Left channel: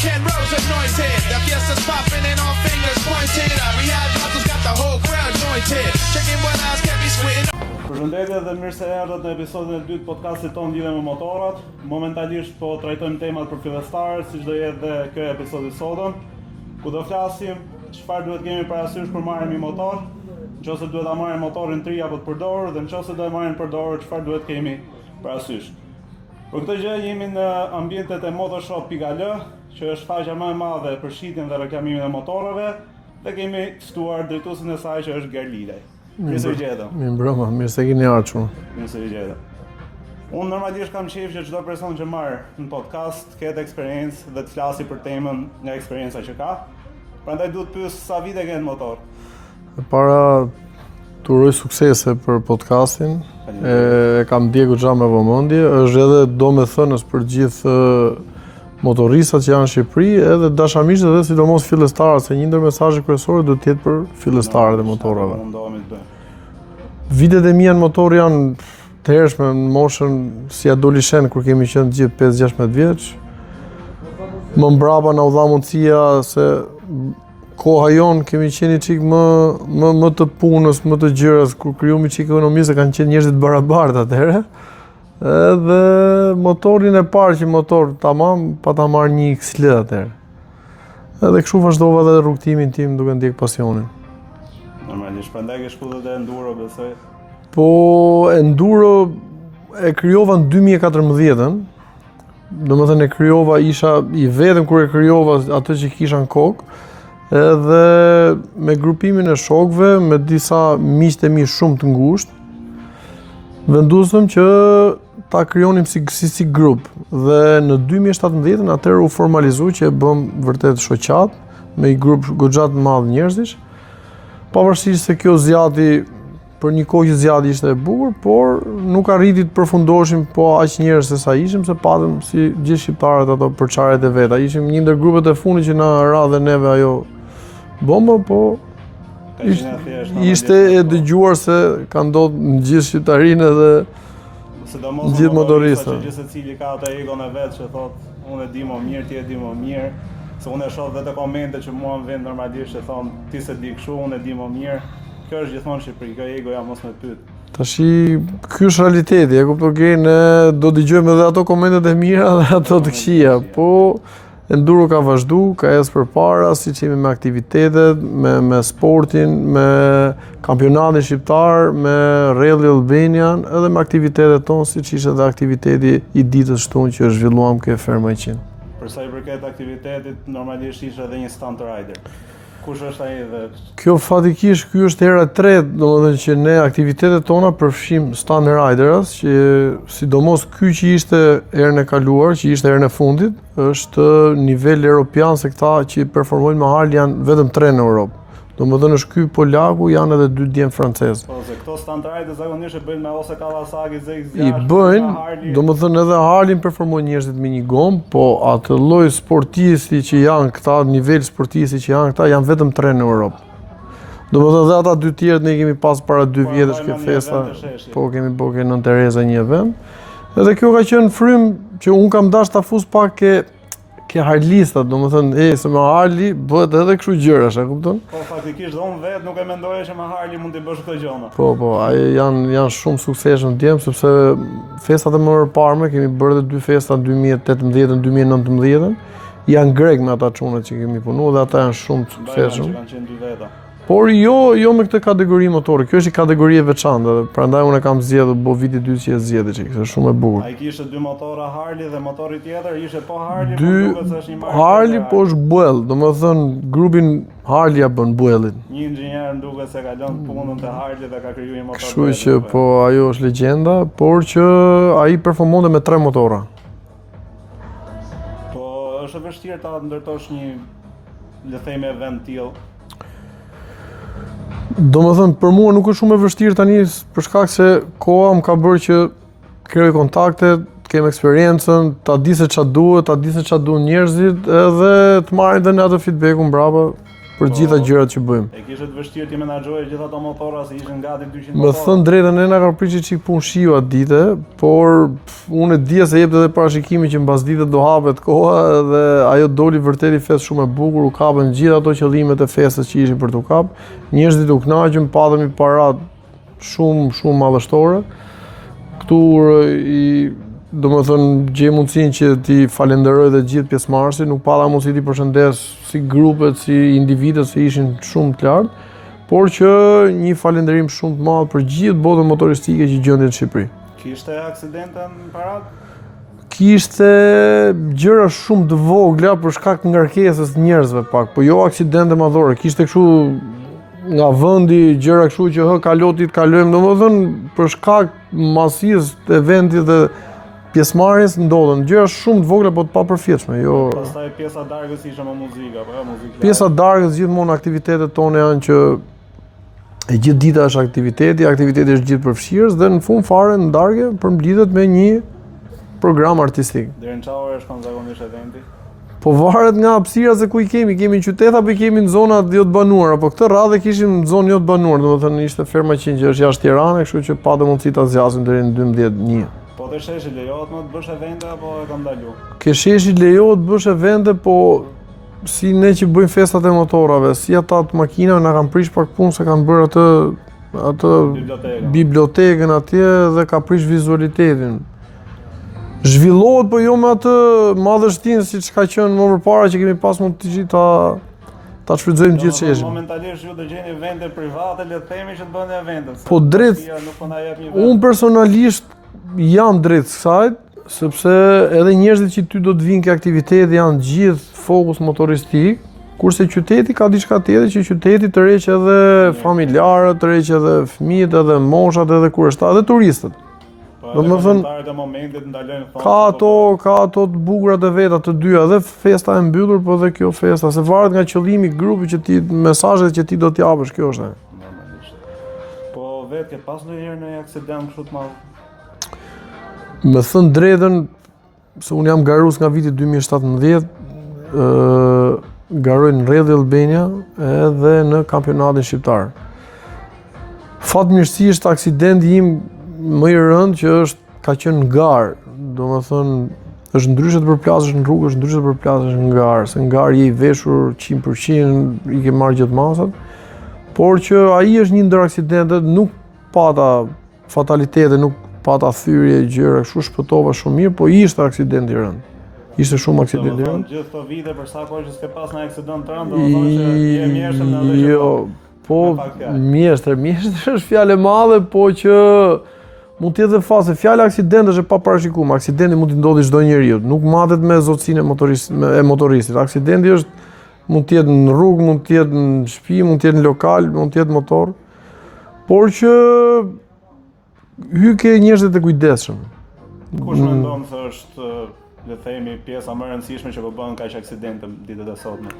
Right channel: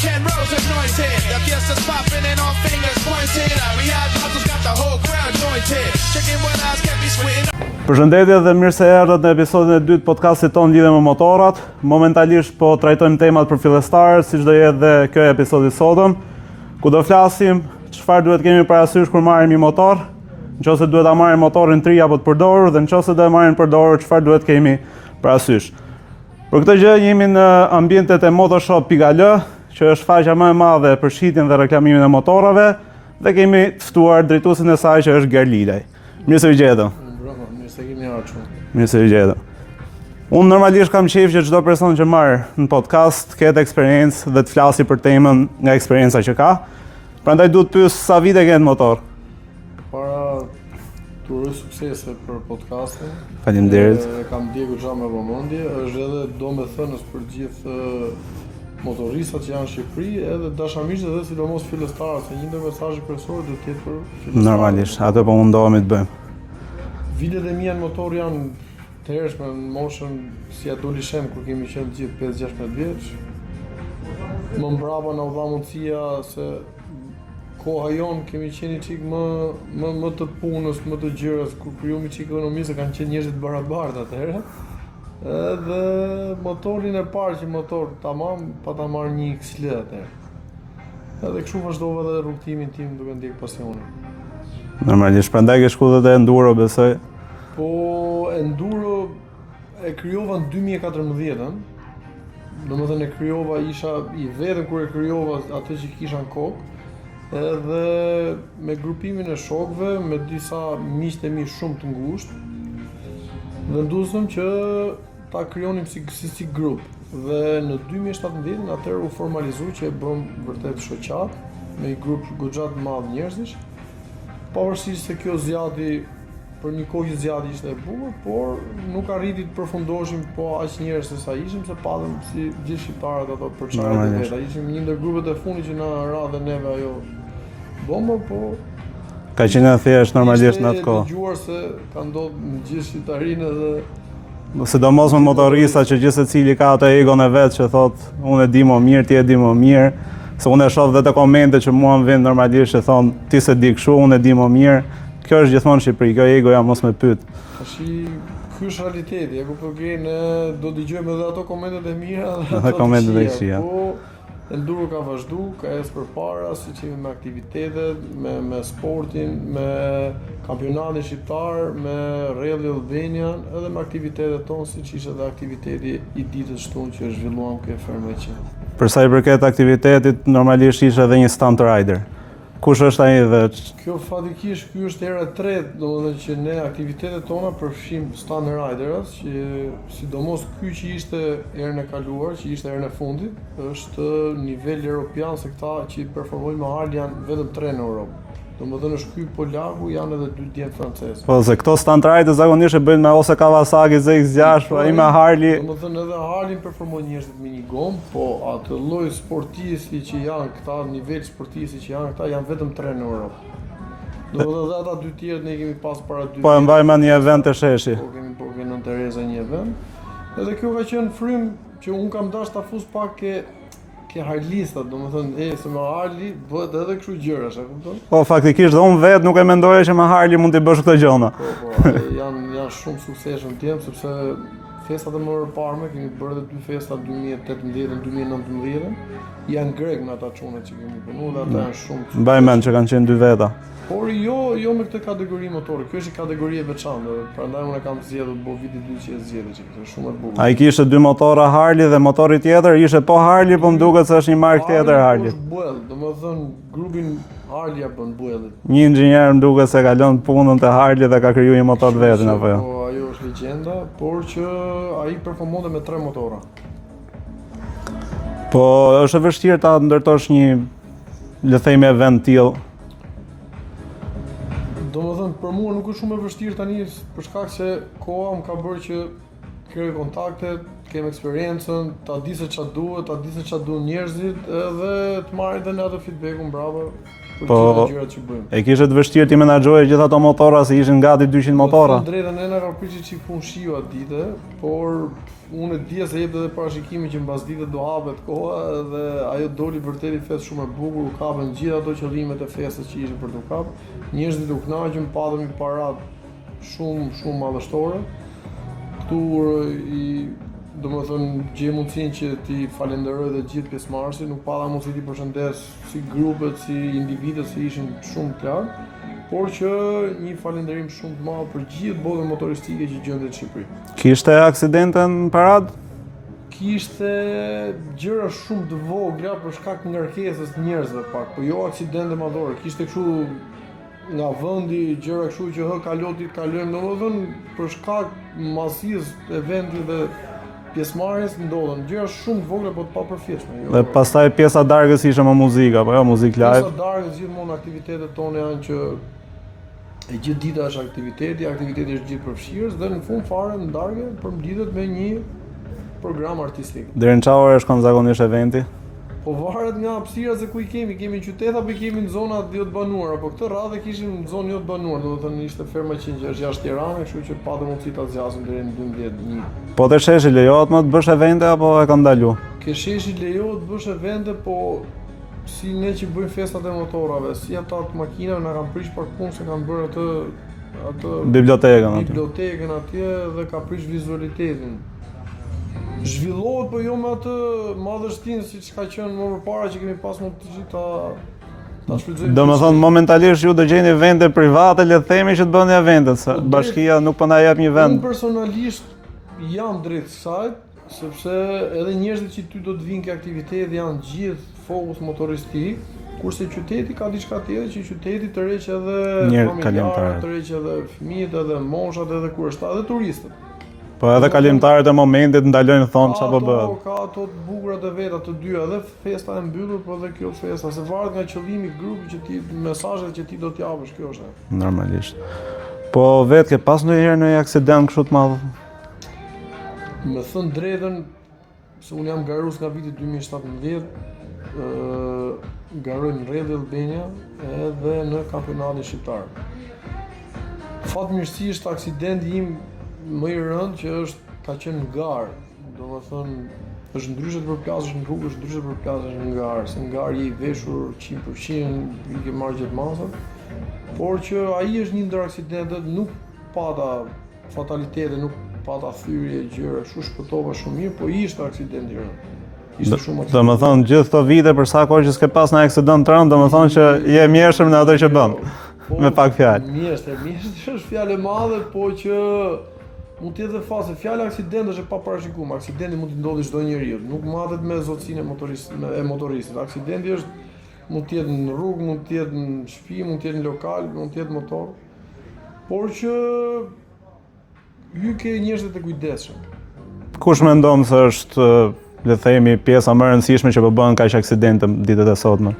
Ken Rose anointed. The fiesta's popping and all fingers pointed. Riyadh Bottles got the whole crowd jointed. Checking what eyes can't be squinting. Përshëndetje dhe mirë se erdhët në episodin e dytë podcastit tonë lidhe me motorat. Momentalisht po trajtojmë temat për fillestarët, siç do jetë dhe kjo episodi sotëm, ku do flasim çfarë duhet kemi parasysh kur marrim një motor, nëse duhet ta marrim motorin të ri apo të përdorur dhe nëse do e marrim përdorur, çfarë duhet kemi parasysh. Për këtë gjë jemi në ambientet e motoshop.al, që është faqja më e madhe për shitjen dhe reklamimin e motorave, dhe kemi të ftuar drejtuesin e saj që është Gerlilaj. Mirë se u gjetëm. Mbrëma, mirë se keni ardhur. Mirë se u gjetëm. Unë normalisht kam qejf që çdo person që marr në podcast ketë eksperiencë dhe të flasi për temën nga eksperienca që ka. Prandaj duhet të pyes sa vite ke në motor. E para të uroj suksese për podcastin. Faleminderit. E kam ndjekur xha me vëmendje, është edhe domethënës për gjithë motoristat që janë në Shqipëri, edhe dashamirët dhe sidomos fillestarët, se një ndër mesazhet kryesore duhet të jetë për fillestarët e motorëve. Atë po mundohemi të bëjmë. Vitet e mia në motor janë të hershme në moshën si adoleshent kur kemi qenë gjithë 5-16 vjeç. Më mbrapa na u dha mundësia se koha jon kemi qenë çik më të punës, më të gjërës, kur krijumi çik ekonomisë kanë qenë njerëz të barabartë atëherë. Edhe motorin e parë që motor tamam pa ta marrë një XL atëherë. Edhe kështu vazhdova edhe rrugtimin tim duke ndjek pasionin. Normalisht prandaj ke shkuar edhe enduro besoj. Po enduro e krijova në 2014-ën. Domethënë e krijova, isha i vetëm kur e krijova atë që kisha në kokë. Edhe me grupimin e shokëve, me disa miq të mi shumë të ngushtë, vendosëm që ta krijonim si grup. Dhe në 2017 atëherë u formalizoi që e bëm vërtet shoqat me një grup goxha të madh njerëzish. Pavarësisht se kjo zjati për një kohë që zjati ishte e bukur, por nuk arriti të përfundoheshim po aq njerëz se sa ishim, se patëm si gjithë shqiptarët ato përçarjet e veta. Ishim një ndër grupet e fundit që na ra dhe neve ajo bomba, po ka qenë thjesht normalisht në atë kohë. Ishte e dëgjuar se ka ndodhur në gjithë shqiptarinë edhe sidomos me motorista që gjithë secili ka atë egon e vet që thotë unë e di më mirë, ti e di më mirë. Se unë e shoh dhe të komente që mua më vjen normalisht që thon ti se di kështu, unë e di më mirë. Kjo është gjithmonë në Shqipëri, kjo egoja mos me pyet. Tashi ky është realiteti, e kuptoj që ne do dëgjojmë edhe ato komentet e mira dhe ato të këqija, po enduro ka vazhdu, ka ecë përpara, siç jemi me aktivitetet, me sportin, me kampionatin shqiptar, me Rally Albanian, edhe me aktivitetet tonë, siç ishte edhe aktiviteti i ditës shtunë që zhvilluam ke Ferma 100. Për sa i përket aktivitetit, normalisht ishte edhe një stunt rider. Kush është ai dhe kjo fatikisht ky është hera e tretë, domethënë që ne aktivitetet tona përfshim stunt riders, që sidomos ky që ishte herën e kaluar, që ishte herën e fundit, është nivel europian, se këta që performojnë me Harley janë vetëm 3 në Europë. Domethënë është ky polaku, janë edhe 2 djem francez. Po se këto stunt riders zakonisht e bëjnë me ose Kawasaki ZX6, me Harley. Domethënë edhe Harley performojnë njerëzit me një gomë, po atë lloj sportisti që janë këta, nivel sportisti që janë këta, janë vetëm 3 në Europë. Domethënë edhe ata 2 tjerët ne kemi pas para 2 vjetësh. Po mbajmë një event të sheshi. Po kemi bërë në Tereza një event. Edhe kjo ka qenë frym që un kam dashur ta fus pak ke Harlistat, domethënë se me Harley bëhet edhe kështu gjërash, e kupton? Po faktikisht dhe unë vetë nuk e mendoja që me Harley mund t'i bësh këto gjëra. Po, ai janë shumë suksesshëm djem, sepse festat e më parë kemi bërë edhe 2 festa 2018 dhe 2019. Janë grek me ata çunat që kemi punuar dhe ata janë shumë të suksesshëm. Mbajmë që kanë qenë 2 veta. Por jo me këtë kategori motori. Kjo është një kategori e veçantë, prandaj unë kam zgjedhur viti 2 që e zgjedhë që është shumë e bukur. Ai kishte 2 motora Harley dhe motori tjetër ishte po Harley, po më duket se është një markë tjetër Harley. Po është Buell, domethënë grupin Harley ja bën Buellin. Një inxhinier më duket se ka lënë punën te Harley dhe ka krijuar një motor vetë. Po ajo është legjenda, por që ai performonte me 3 motora. Po është e vështirë ta ndërtosh një, le të themi, event tillë. Domethënë për mua nuk është shumë e vështirë tani për shkak se koha më ka bërë që krijoj kontakte, të kem eksperiencën, ta di se ç'a duhet, ta di se ç'a duan njerëzit, edhe të marrin edhe atë feedbackun brapa. për gjitha gjërat që bëjmë. E kishte të vështirë ti menaxhoje gjithë ato motora se ishin gati 200 motora. Më thënë drejtën, ne na ka pritur çik punë shiu atë ditë, por unë e dija se jepte edhe parashikimi që mbas ditës do hapet koha dhe ajo doli vërtet i festë shumë e bukur, u kapën gjithë ato qëllimet e festës që ishin për t'u kap. Njerëzit u kënaqën, patëm i parat shumë madhështore. Këtu domethënë gjej mundësinë që ti falenderoj dhe gjithë pjesëmarrësit, nuk pata mundësi ti përshëndes si grupet, si individët se ishin shumë të lartë, por që një falenderim shumë të madh për gjithë botën motoristike që gjendet në Shqipëri. Kishte aksidente në parad? Kishte gjëra shumë të vogla për shkak të ngarkesës të njerëzve pak, po jo aksidente madhore. Kishte kështu nga vendi gjëra kështu që kalotit kalojmë, domethënë për shkak masisë të eventit dhe pjesëmarrjes ndodhen gjëra shumë të vogla po të papërfillshme. Jo. Dhe pastaj pjesa darkës ishte më muzikë apo jo muzikë live? Pjesa darkës gjithmonë aktivitetet tona janë që e gjithë dita është aktiviteti është gjithë përfshirës dhe në fund fare në darkë përmblidhet me një program artistik. Deri në çfarë ore shkon zakonisht eventi? Po varet nga hapësira se ku i kemi në qytet apo i kemi në zona jo të banuara, po këtë radhë kishim në zonë jo të banuar, domethënë ishte Ferma 100 që është jashtë Tiranës, kështu që patëm mundësi ta zgjasim deri në 12:00. Po te sheshi lejohet më të bësh evente apo e ka ndalu? Ke sheshi lejohet të bësh evente, po si ne që bëjmë festat e motorave, si ata të makinave na kanë prish pak punë se kanë bërë atë bibliotekën atje dhe ka prish vizualitetin. Zhvillohet, po jo me atë madhështinë siç ka qenë më përpara që kemi pas mundësi ta shfrytëzojmë gjithë. Domethënë momentalisht ju do gjeni evente private, le të themi që të bëni eventet, se bashkia nuk po na jep një vend. Unë personalisht jam drejt kësaj, sepse edhe njerëzit që ty do të vinë ke aktiviteti janë gjithë fokus motoristik, kurse qyteti ka diçka tjetër që qyteti tërheq edhe familjarët, tërheq edhe fëmijët, edhe moshat, edhe kurështarët, edhe turistët. Po edhe kalimtarët e momentit ndalojnë thonë çfarë do bëjë. Ka ato të bukura të veta të dyja, edhe festa e mbyllur, po edhe kjo festa, se varet nga qëllimi i grupit që ti, mesazhet që ti do t'i japësh, kjo është. Normalisht. Po vetë ke pas ndonjëherë në një aksident kështu të madh? Me thënë drejtën, se unë jam garues nga viti 2017, garoj në Rally Albania edhe në kampionatin shqiptar. Fatmirësisht aksidenti im më i rënd që ka qenë në garë, domethënë është ndryshe të përplasësh në rrugë, është ndryshe të përplasësh në garë, se në garë je i veshur 100%, i ke marrë gjithë masat, por që ai është një ndër aksidentet, nuk pata fatalitete, nuk pata thyrje, gjëra, kështu shpëtova shumë mirë, po ishte aksident i rënd. Ishte shumë aksident. Domethënë gjithë këto vite për sa kohë që s'ke pas në aksident të rënd, domethënë që je mjeshtër në ato që bën. Po, me pak fjalë. Mjeshtër është fjalë e madhe, po që mund të jetë dhe fazë, fjala aksident është e paparashikuar. Aksidenti mund të ndodhi çdo njeriu, nuk matet me zotësinë e motoristit. Aksidenti mund të jetë në rrugë, mund të jetë në shtëpi, mund të jetë në lokal, mund të jetë motor. Por që hyke njerëzit e kujdesshëm. Kush mendon se është, le të themi, pjesa më e rëndësishme që po bëhen kaq aksidente ditët e sotme?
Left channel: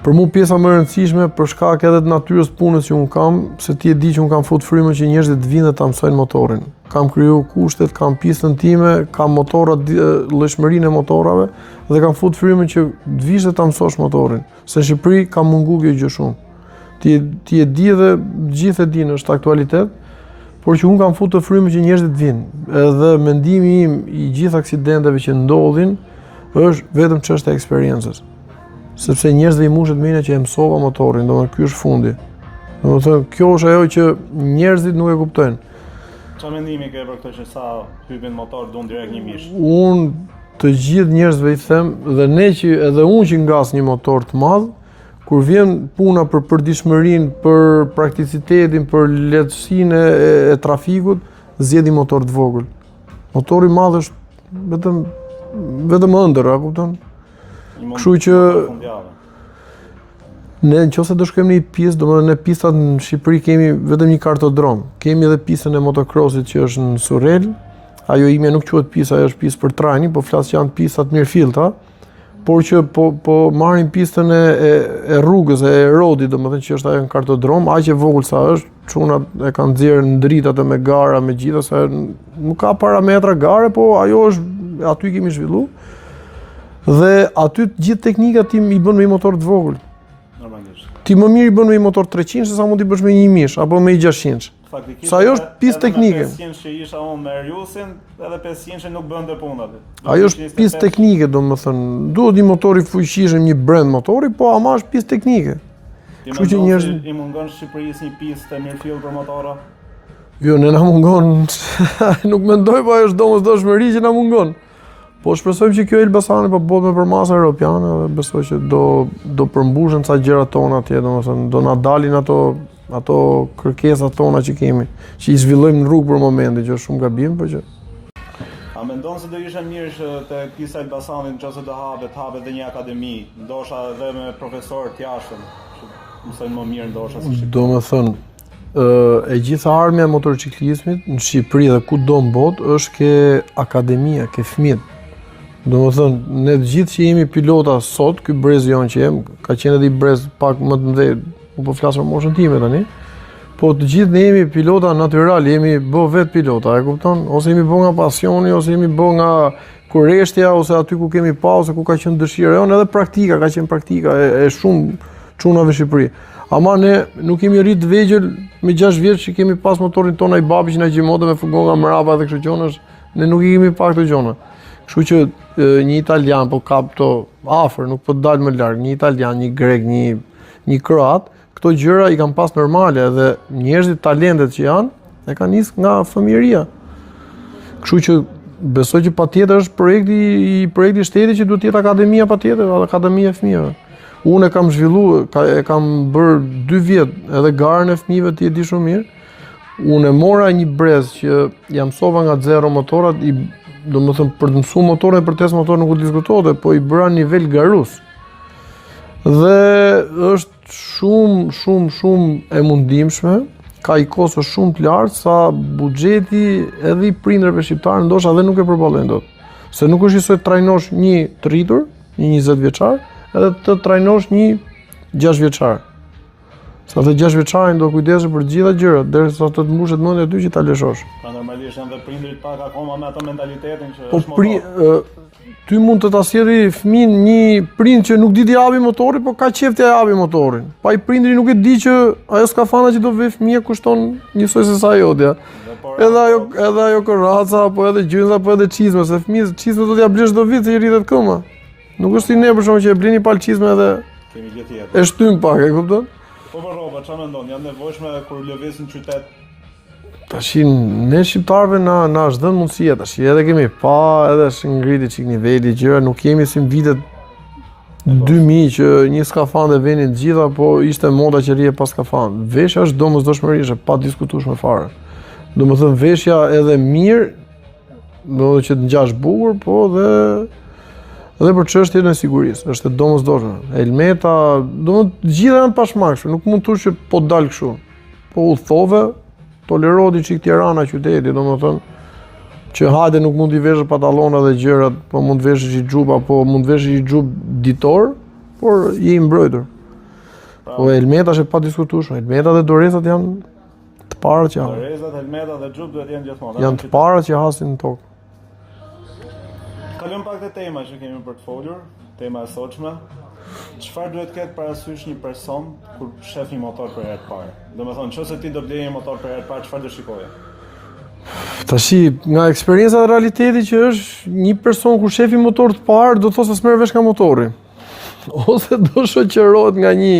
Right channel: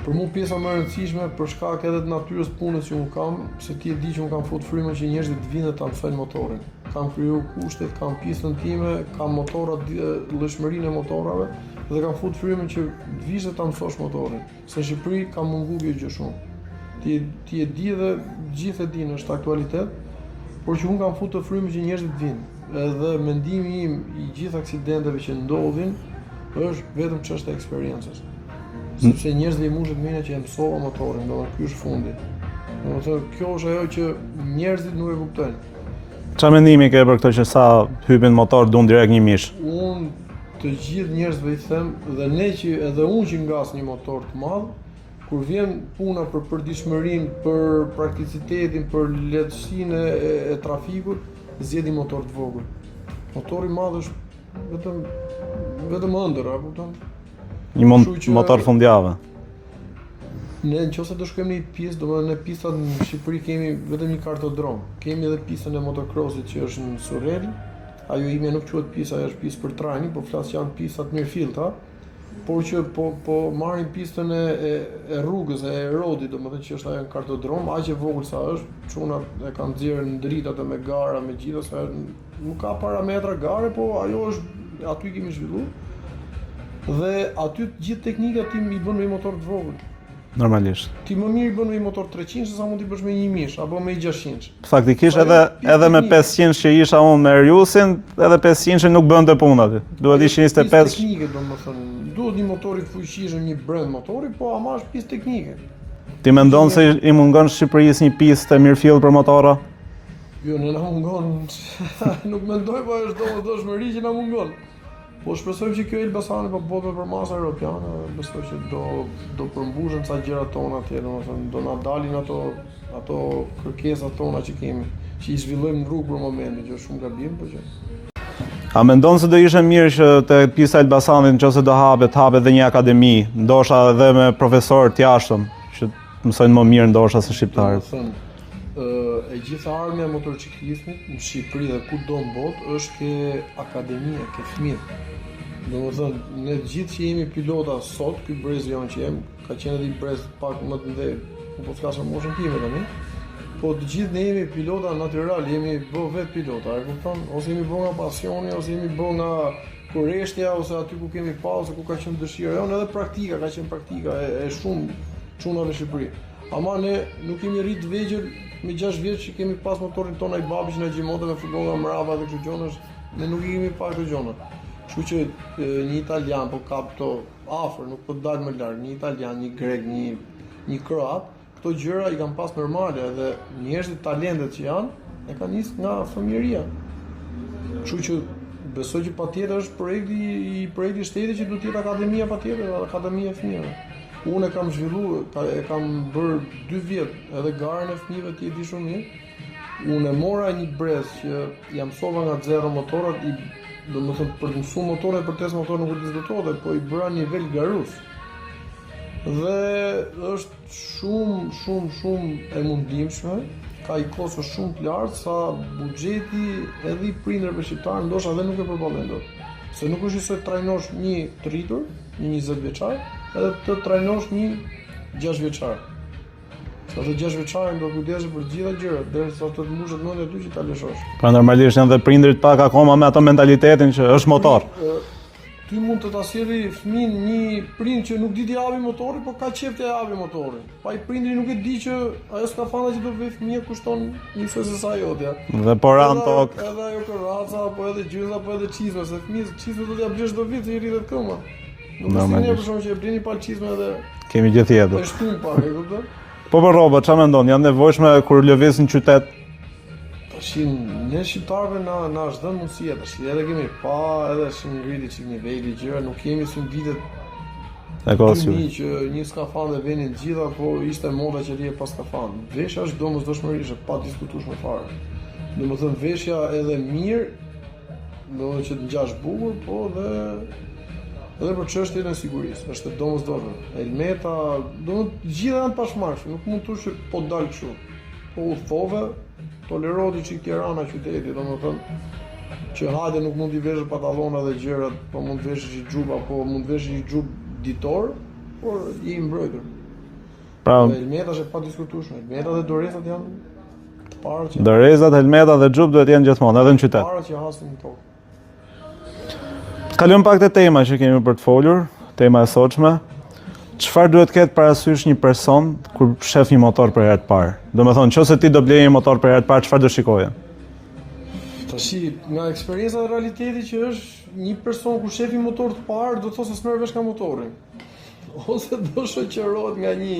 Për mua pjesa më e rëndësishme për shkak edhe të natyrës punës që un kam, se ti e di që un kam fut frymën që njerëzit të vinë ta mësojnë motorin. Kam kriju kushtet, kam pistën time, kam motorat, llojshmërinë e motorave dhe kam fut frymën që të vish ta mësosh motorin. Se në Shqipëri ka mungu kjo gjë shumë. Ti e di dhe gjithë e dinë, është aktualitet, por që un kam futur frymën që njerëzit të vinë. Edhe mendimi im i gjithë aksidenteve që ndodhin është vetëm çështja e eksperiencës. Sepse njerëzve i mushet mëna që e mësova motorin, domethënë ky është fundi. Domethënë kjo është ajo që njerëzit nuk e kuptojnë. Çfarë mendimi ke për këtë që sa hypin motor duan direkt një mish? Unë të gjithë njerëzve i them, dhe ne që edhe unë që ngas një motor të madh, kur vjen puna për përditshmërinë, për prakticitetin, për lehtësinë e trafikut, zgjidh një motor të vogël. Motori i madh është vetëm ëndër, a kupton? Një motor fundjavë. Ne nëse do shkojmë në një pistë, domethënë ne pistat në Shqipëri kemi vetëm një kartodrom. Kemi edhe pistën e motocrossit që është në Surrel. Ajo ime nuk quhet pistë, ajo është pistë për trajning, po flas që janë pistat mirë filtra. Por që po marrin pistën e rrugës, e rodit, domethënë që është ajo në kartodrom, aq e vogël sa është, çunat e kanë nxjerrë në dritë atë me gara, me gjithë, se nuk ka parametra gare, po ajo është aty kemi zhvilluar. Dhe aty gjithë teknikat tim i bën me një motor të vogël. Normalisht. Ti më mirë i bën me një motor 300 se sa mund t'i bësh me 1000 apo me 600. Faktikisht edhe me 500 që isha unë me Eriusin, edhe 500 nuk bënte punë aty. Duhet ishin 25. Pjesë teknike, domethënë, duhet një motor i fuqishëm, një brand motori, po ama është pjesë teknike. Ti mendon se i mungon Shqipërisë një pistë e mirëfill për motora? Jo, ne na mungon. Nuk mendoj, po është domosdoshmëri që na mungon. Po shpresojmë që kjo Elbasani po bëhet me përmasa europiane dhe besoj që do përmbushen ca gjëra tona atje, domethënë do na dalin ato kërkesat tona që kemi, që i zhvillojmë në rrugë për momentin, që është shumë gabim, po që. A mendon se do ishte mirë që te pista e Elbasanit nëse do hapet edhe një akademi, ndoshta edhe me profesorë të jashtëm, që mësojnë më mirë ndoshta se shqiptarët. Domethënë, e gjitha armja e motorciklismit në Shqipëri dhe kudo në botë është ke akademia, ke fëmijë. Domethënë, ne të gjithë që jemi pilota sot, ky brez jon që jem, ka qenë edhe i brez pak më të mëdhenj, po flas për moshën time tani. Po të gjithë ne jemi pilota natyral, jemi bë vet pilota, e kupton? Ose jemi bë nga pasioni, ose jemi bë nga kurreshtja, ose aty ku kemi pa, ose ku ka qenë dëshira jon, edhe praktika, ka qenë praktika e shumë çunave në Shqipëri. Ama ne nuk kemi rrit të vegjël me 6 vjeç që kemi pas motorin tonë ai babi që na gjimote me fugon nga mrapa dhe kështu gjona, ne nuk i kemi pa këto gjona. Kështu që një italian po kap këto afër, nuk po dal më larg, një italian, një grek, një kroat, këto gjëra i kanë pas normale dhe njerëzit talentet që janë e kanë nis nga fëmijëria. Kështu që besoj që patjetër është projekti i shtetit që duhet të jetë akademia patjetër, akademia e fëmijëve. Unë e kam zhvilluar, e kam bërë 2 vjet edhe garën e fëmijëve ti e di shumë mirë. Unë e mora një brez që jam mësova nga zero motorat, domethënë për të mësuar motorin dhe për test motor nuk u diskutohej, po i bëra nivel garus. Dhe është shumë e mundimshme, ka i kosto shumë të lartë sa buxheti edhe i prindërve shqiptarë ndoshta edhe nuk e përballojnë dot. Se nuk është njësoj të trajnosh një të rritur, një 20 vjeçar, edhe të trajnosh një 6 vjeçar. Sa të 6 vjeçarin do kujdesë për gjitha gjërat, derisa të mbushet mendja ty që ta lëshosh. Pra normalisht janë dhe prindrit pak akoma me ato mentalitetin që është motor. Ty mund të ta sjellë fëmin një prind që nuk di të japi motorin, po ka qejf të japi motorin. Pa i prindri nuk e di që ajo skafana që do vë fëmia kushton njësoj se sa jotja. Dhe por edhe ajo korraca apo edhe gjynza apo edhe çizme, se fëmijët çizme do t'ia blesh çdo vit se i rritet këma. Nuk është si ne për shkak që e blini pal çizme edhe kemi gjë tjetër. E shtym pak, e kupton? Po për rroba, çfarë mendon? Janë nevojshme kur lëviz në qytet? Tash ne shqiptarëve na është dhënë mundësia tash. Edhe kemi pa, edhe është ngriti çik niveli gjëra, nuk kemi si në vitet 2000 që një skafandë venin të gjitha, po ishte moda që rrie pas skafandë. Veshja është domosdoshmërisht pa diskutueshme fare. Domethënë veshja edhe mirë, domethënë që të ngjash bukur, po dhe për çështjen e sigurisë, është e domosdoshme. Helmeta, domethënë gjitha janë pashmangshme, nuk mund të thosh që po dal kështu. Po udhthove, toleroti çik Tirana qyteti, domethënë që hajde nuk mund t'i veshësh pantallona dhe gjërat, po mund të veshësh i xhup apo mund të veshësh i xhup ditor, por je i mbrojtur. Pra, po helmeta është pa diskutueshme. Helmeta dhe dorezat janë të para që. Dorezat, helmeta dhe xhup duhet të jenë gjithmonë edhe në qytet. Të para që hasin në tokë. Kalojmë pak te tema që kemi për të folur, tema e sotshme. Çfarë duhet ketë parasysh një person kur shef një motor për herë të parë? Domethënë, nëse ti do bleje një motor për herë të parë, çfarë do shikoje? Tashi, nga eksperienca dhe realiteti që është një person kur shef një motor të parë, do të thosë se merr vesh nga motori. Ose do shoqërohet nga një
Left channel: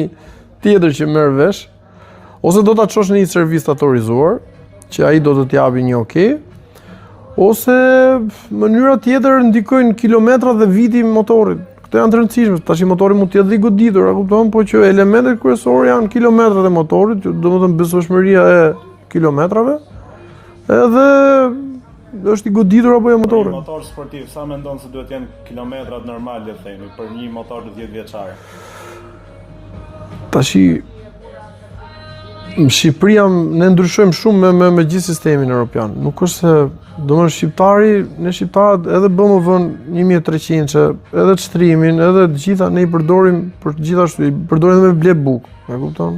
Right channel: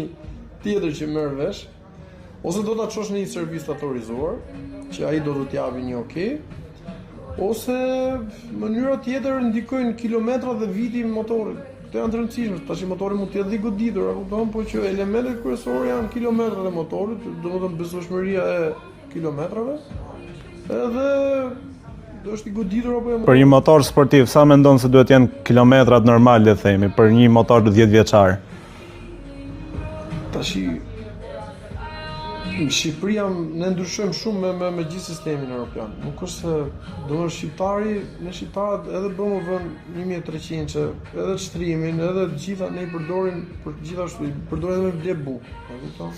tjetër që merr vesh, ose do ta çosh në një servis autorizuar, që ai do të t'japi një okay. Ose mënyra tjetër ndikojnë kilometrat dhe viti i motorit. Këto janë të rëndësishme. Tash motori mund të jetë i goditur, a kupton, po që elementet kryesorë janë kilometrat e motorit, domethënë besueshmëria e kilometrave. Edhe është i goditur apo jo motori. Për një motor sportiv, sa mendon se duhet jenë kilometrat normal, le të themi, për një motor 10 vjeçar? Tashi në Shqipëri ne ndryshojmë shumë me gjithë sistemin evropian. Nuk është se domethënë ne shqiptarët edhe BMW-n 1300, edhe çtrimin, edhe të gjitha ne i përdorim për gjithashtu, i përdorim edhe me ble buk, e kupton?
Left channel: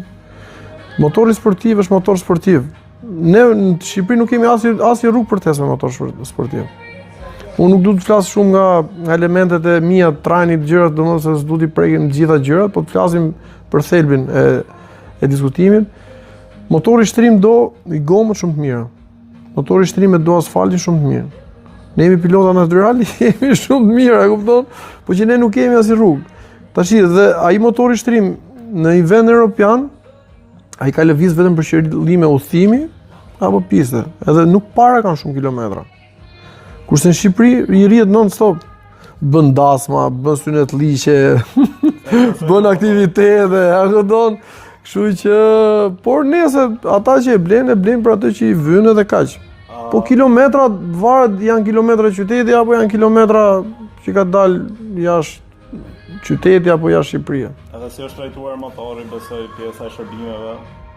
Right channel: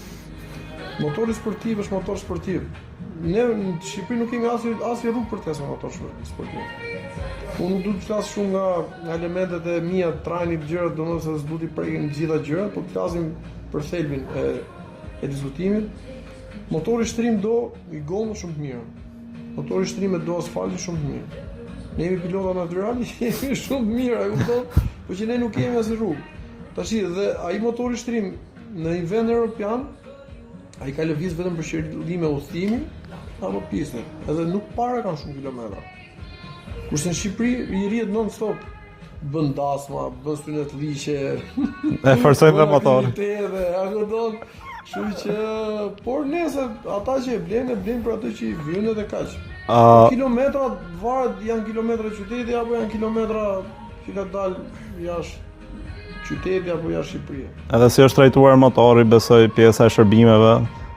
Motori sportiv është motor sportiv. Ne në Shqipëri nuk kemi asnjë rrugë për test me motor sportiv. Unë nuk du të flas shumë nga elementet e mia, trajnit, gjërat, domethënë se s'du t'i prekin gjitha gjërat, po të flasim për thelbin e diskutimit. Motori shtrim do i gomët shumë të mirë. Motori shtrimet do asfaltin shumë të mirë. Ne jemi pilota natyrali, jemi shumë të mirë, e kupton? Po që ne nuk kemi asnjë rrugë. Tash dhe ai motori shtrim në një vend evropian, ai ka lëviz vetëm për qëllime udhëtimi apo piste, edhe nuk para kanë shumë kilometra. Kurse në Shqipëri i rrihet non-stop. Bën dasma, bën synet liqe, bën aktivitete, a kupton? Kështu që, por nese ata që e blenë për atë që i vynë dhe kaq. Po kilometrat varet, janë kilometra qyteti apo janë kilometra që ka dalë jashtë qyteti apo jashtë Shqipërisë. Edhe si është trajtuar motori, besoj pjesa e shërbimeve,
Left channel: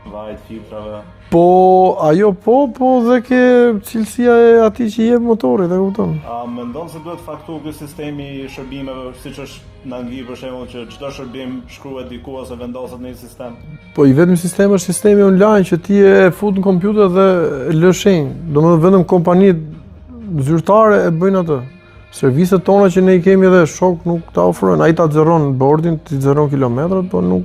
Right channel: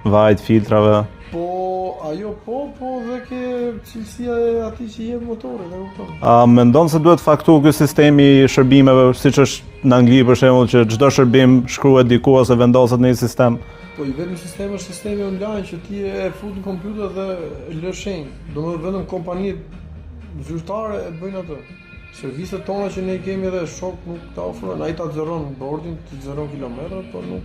vajt, filtrave. Po, ajo po dhe ke cilësia e atij që jep motori, e kupton. A mendon se duhet faktu ky sistemi i shërbimeve, siç është në Angli për shembull, që çdo shërbim shkruhet diku ose vendoset në një sistem? Po i vetëm sistemi është sistemi online që ti e fut në kompjuter dhe lë shenjë. Domethënë vetëm kompanitë zyrtare e bëjnë atë. Serviset tona që ne i kemi edhe shok nuk ta ofrojnë. Ai ta xeron bordin, ti xeron kilometrat, po nuk.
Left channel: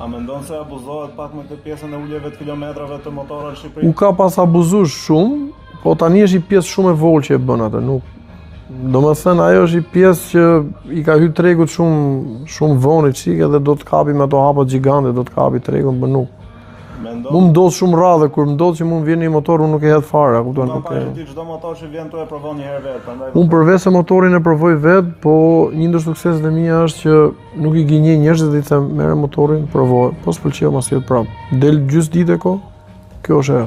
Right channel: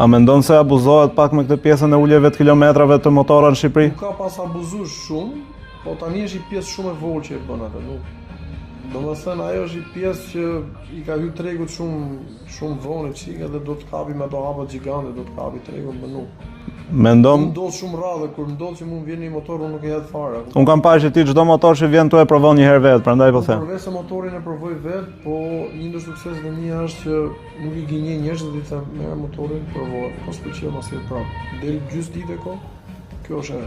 A mendon se abuzohet pak me këtë pjesën e uljeve të kilometrave të motorave në Shqipëri? Nuk ka pas abuzuar shumë, po tani është një pjesë shumë e vogël që e bën atë. Nuk. Domethënë ajo është një pjesë që i ka hyrë tregut shumë vonë çike dhe do të kapi me ato hapa gjigante, do të kapi tregun, por nuk. Mendon? Unë ndodh shumë radhë kur ndodh që mund vjen një motor, unë nuk e hedh fare. Unë kam parë që ti çdo motor që vjen tu e provon një herë vet, prandaj po them. Unë përveç se motorin e provoj vet, po një ndër sukseset e mia është që nuk i gënjej njerëzit dhe i them merr motorin, provoj, po s'pëlqeu mas jetë prap. Del gjys ditë kjo është e.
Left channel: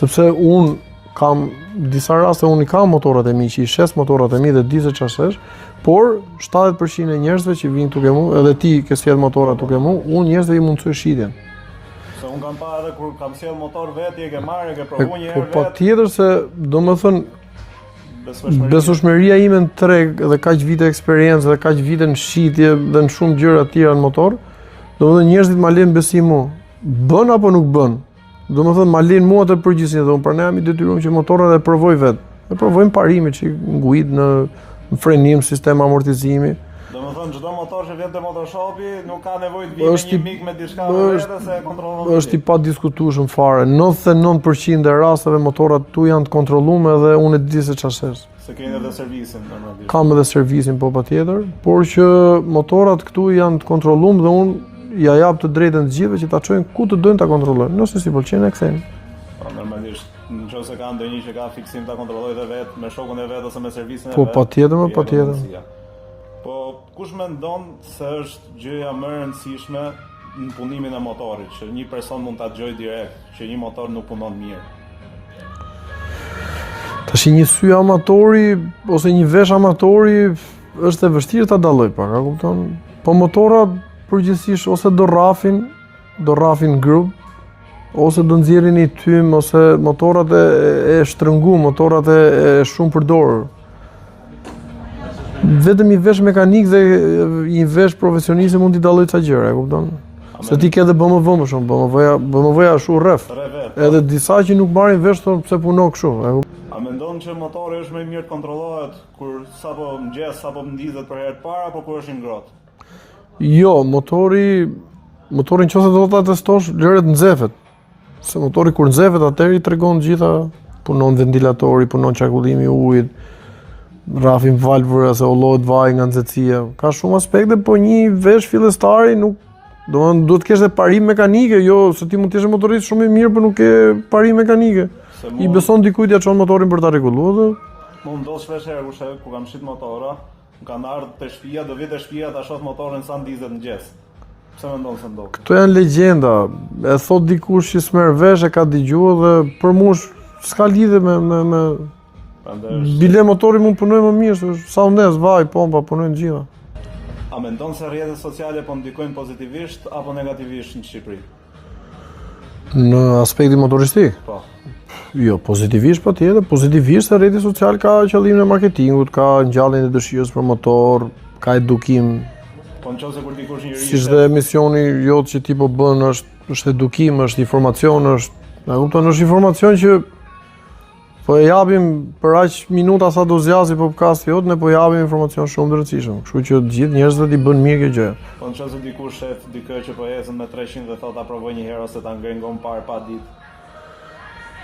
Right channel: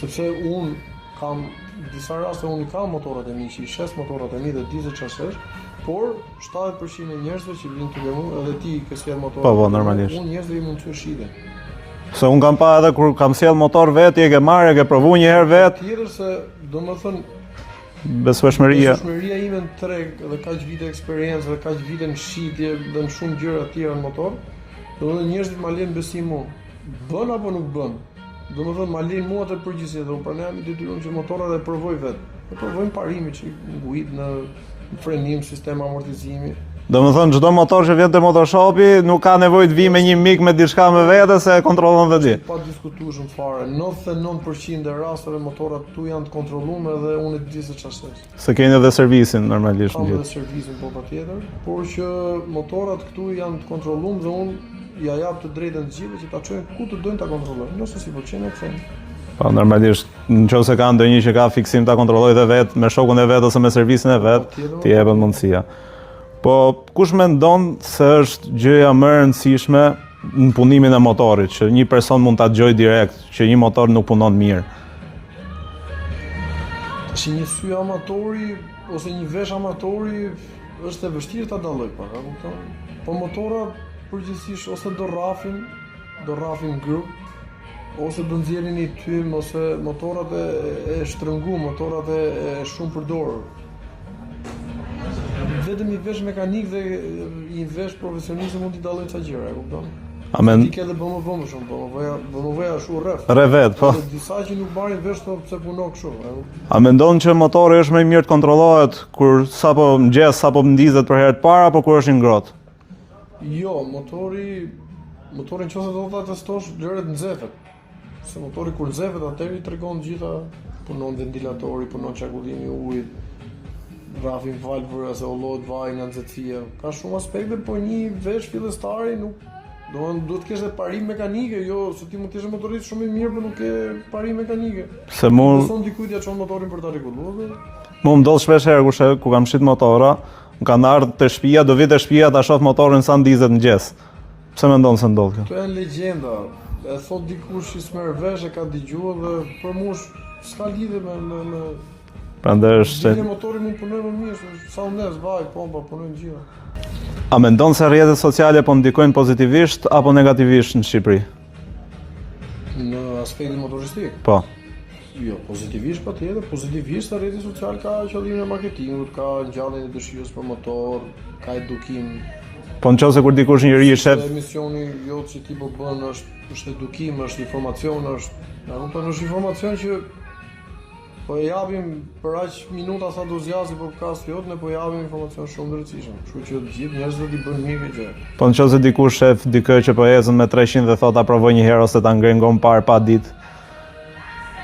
Sepse unë kam disa raste unë i kam motorat e mi që i shes motorat e mi dhe di se çfarë është, por 70% e njerëzve që vinë tuke mua, edhe ti ke sjell motorat tuke mua, unë njerëzve i mundsoj shitjen. Se unë kam pa edhe kur kam sjell motor vet, e ke marrë, e ke provu një herë vet. Patjetër se domethënë besueshmëria ime në treg dhe kaq vite eksperiencë dhe kaq vite në shitje dhe në shumë gjëra të tjera në motor, domethënë njerëzit ma lënë besim mua. Bën apo nuk bën? Domethënë ma lënë mua të përgjegjësinë dhe unë për ne jam i detyruar që motorat e provoj vet. E provojmë parimin që ngujit në frenim, sistem amortizimi. Domethënë çdo motor që vjen te motoshopi nuk ka nevojë të vi me një mik me diçka me vete se e kontrollon vetë. Është i padiskutueshëm fare. 99% e rasteve motorat tu janë të kontrolluar dhe unë e di se ç'është. Se keni edhe servisin normalisht. Kam edhe servisin po patjetër, por që motorat këtu janë të kontrolluar dhe unë ja jap të drejtën të gjithëve që ta çojnë ku të dojnë ta kontrollojnë. Nëse si pëlqen e kthejnë. Po normalisht nëse ka ndonjë që ka fiksim ta kontrollojë dhe vet me shokun e vet ose me servisin e vet. Po patjetër, ti e bën mundësia. Po kush mendon se është gjëja më e rëndësishme në punimin e motorit, që një person mund ta dëgjojë direkt që një motor nuk punon mirë? Tash një sy amatori ose një vesh amatori është e vështirë ta dalloj pak, a kupton? Po motorat përgjithsisht ose do rrafin grup, ose do nxjerrin një tym, ose motorat e shtrëngu, motorat e shumë përdorur. Vetëm i vesh mekanik dhe i vesh profesionist mund t'i dalloj ca gjëra, e kupton? Se ti ke edhe BMW më shumë, BMW-ja është rref. Rrevet, po. Edhe disa që nuk marrin vesh thonë pse punon kështu. A mendon që motori është më i mirë të kontrollohet kur sapo mëngjes, sapo ndizet për herë të parë apo kur është i ngrohtë? Jo, motorin nëse do ta testosh, lëret nxefet. Se motori kur nxefet atëherë i tregon gjitha, punon ventilatori, punon çarkullimi i ujit, rrafin valvura se ullohet vaji nga nxehtësia. Ka shumë aspekte, po një vesh fillestari nuk duhet të kesh edhe parim mekanike, jo se ti mund të jesh motorist shumë i mirë, por nuk ke parim mekanike. Se i beson dikujt ja çon motorin për ta rregulluar. Mu ndodh shpesh herë ku kam shit motora, më kanë ardhur te shtëpia, do vi te shtëpia ta shoh motorin sa ndizet mëngjes. Pse mendon se ndodh kjo? Kto janë legjenda. E thot dikush që s'merr vesh, e ka dëgjuar dhe për mua s'ka lidhje me prandaj është. Bile motori mund punoj më mirë, sa undes, vaj, pompa, punojnë gjitha. A mendon se rrjetet sociale po ndikojnë pozitivisht apo negativisht në Shqipëri? Në aspektin motoristik? Po. Jo, pozitivisht patjetër, pozitivisht se rrjeti social ka qëllimin e marketingut, ka ngjalljen e dëshirës për motor, ka edukim. Po nëse kur dikush njëri ishte si misioni jot që ti po bën është edukim, është informacion, është informacion që Po e japim për aq minuta sa do zgjasë podcasti jot, ne po japim informacion shumë të rëndësishëm. Kështu që të gjithë njerëzit i bën mirë kjo gjë. Po nëse dikush shef dikë që po ecën me 300 dhe thotë provoj një herë ose ta ngren gon parë pa ditë.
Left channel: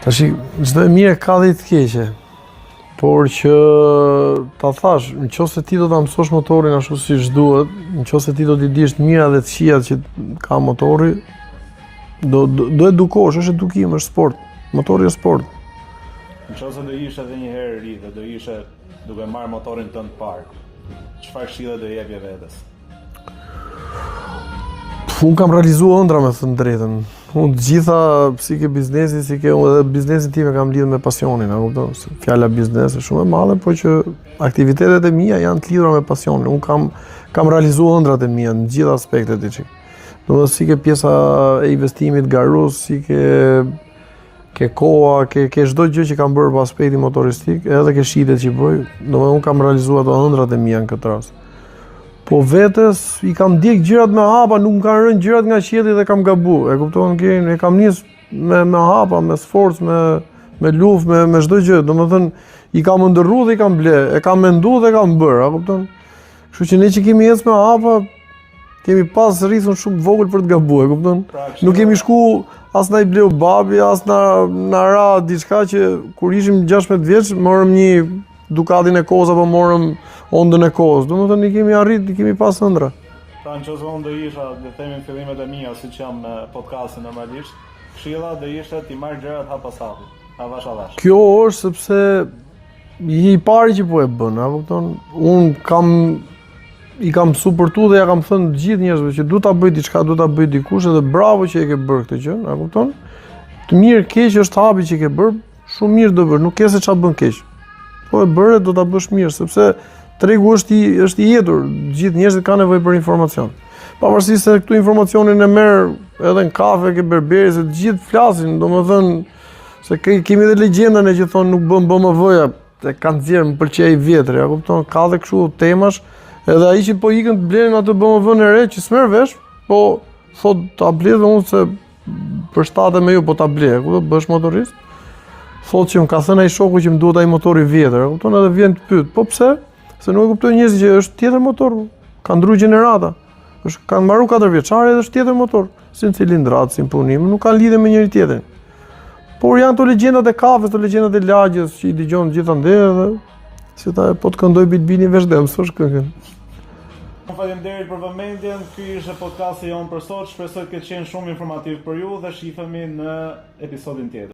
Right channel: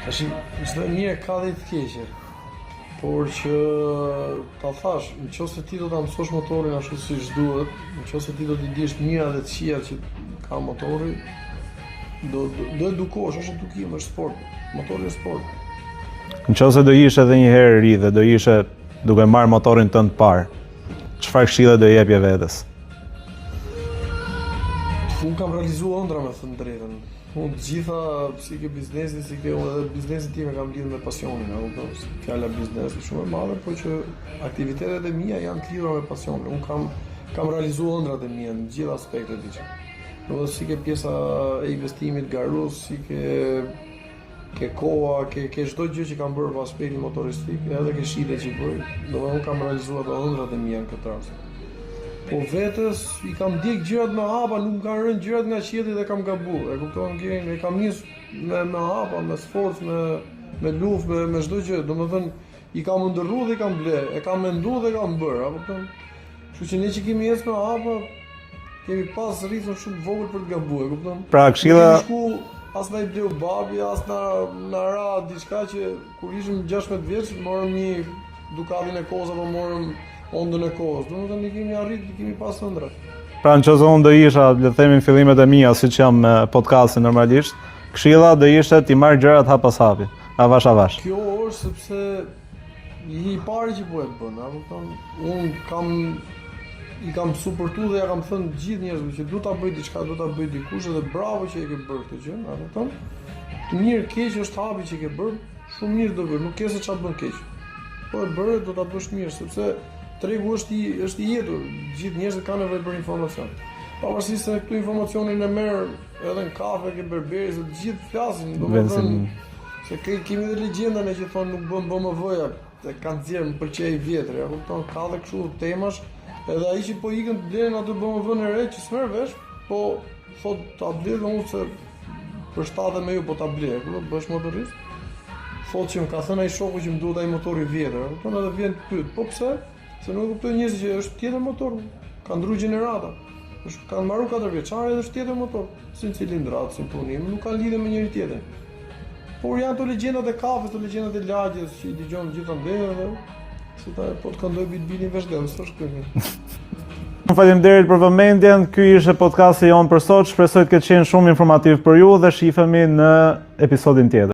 Tash çdo e mirë ka dhe të keqe. Por që ta thash, nëse ti do ta mësosh motorin ashtu siç duhet, nëse ti do t'i dish të mira dhe të këqijat që ka motori, do edukosh, është edukim, është sport. Motori është sport. Nëse do ishe edhe një herë ri dhe do ishe duke marrë motorin tënd parë, çfarë këshille do jepje vetes? Unë kam realizuar ëndra me thënë drejtën. Unë të gjitha si ke biznesi, edhe biznesin tim e kam lidhur me pasionin, a kupton? Fjala biznes është shumë e madhe, por që aktivitetet e mia janë të lidhura me pasionin. Unë kam realizuar ëndrat e mia në gjitha aspektet e çik. Domethënë si ke pjesa e investimit garus, si ke koha, ke çdo gjë që kam bërë për aspektin motoristik, edhe ke shitet që bëj, domethënë unë kam realizuar ato ëndrat e mia në këtë rast. Po vetes i kam ndjek gjërat me hapa, nuk më kanë rënë gjërat nga qielli dhe kam gabuar. E kupton, e kam nis me hapa, me sforcë, me luftë, me çdo gjë. Domethënë i kam ndërruar dhe i kam ble, e kam menduar dhe kam bërë, a kupton? Kështu që ne që kemi ecë me hapa, kemi pas rrithun shumë vogël për të gabuar, e kupton? Pra, nuk kemi shku as na i bleu babi, as na ra diçka që kur ishim 16 vjeç, morëm një Ducatin e kohës apo morëm Hondën e kohës. Domethënë i kemi arrit, i kemi pas ëndra. Pra nëse unë do isha, le të themi në fillimet e mia, siç jam me podcastin normalisht, këshilla do ishte ti marr gjërat hap pas hapi, avash avash. Kjo është sepse i pari që po e bën, a kupton? Unë i kam suportuar dhe ja kam thënë të gjithë njerëzve që du ta bëj diçka, du ta bëj dikush edhe bravo që e ke bërë këtë gjë, a kupton? Të mirë keq është hapi që ke bërë, shumë mirë do bërë, nuk ke se çfarë bën keq. Po e bëre do ta bësh mirë sepse tregu është i jetur, gjithë njerëzit kanë nevojë për informacion. Pavarësisht se këtu informacionin e merr edhe në kafe ke berberi, se të gjithë flasin, domethënë se kemi edhe legjendën e që thonë nuk bën BMW-ja, e kanë nxjerr më pëlqej vjetër, ja kupton, ka edhe kështu temash. Edhe ai që po ikën të blenin atë BMW-n e re që s'merr vesh, po thot ta bledh unë se për shtatë me ju po ta blej, ku do bësh motorist? Thot që më ka thënë ai shoku që më duhet ai motori vjetër, kupton, edhe vjen të pyet, po pse? Se nuk e kuptoj njerëzit që është tjetër motor, ka ndryu gjenerata. Kanë mbaru 4 vjeçare dhe është tjetër motor, si në cilindrat, si në punim, nuk kanë lidhje me njëri tjetrin. Por janë to legjendat e kafes, to legjendat e lagjes që i dëgjon gjithandej edhe si ta po të këndoj bitbini veç dhe mësosh këngën. Faleminderit për vëmendjen. Ky ishte podcasti jon për sot. Shpresoj të ketë qenë shumë informativ për ju dhe shihemi në episodin tjetër.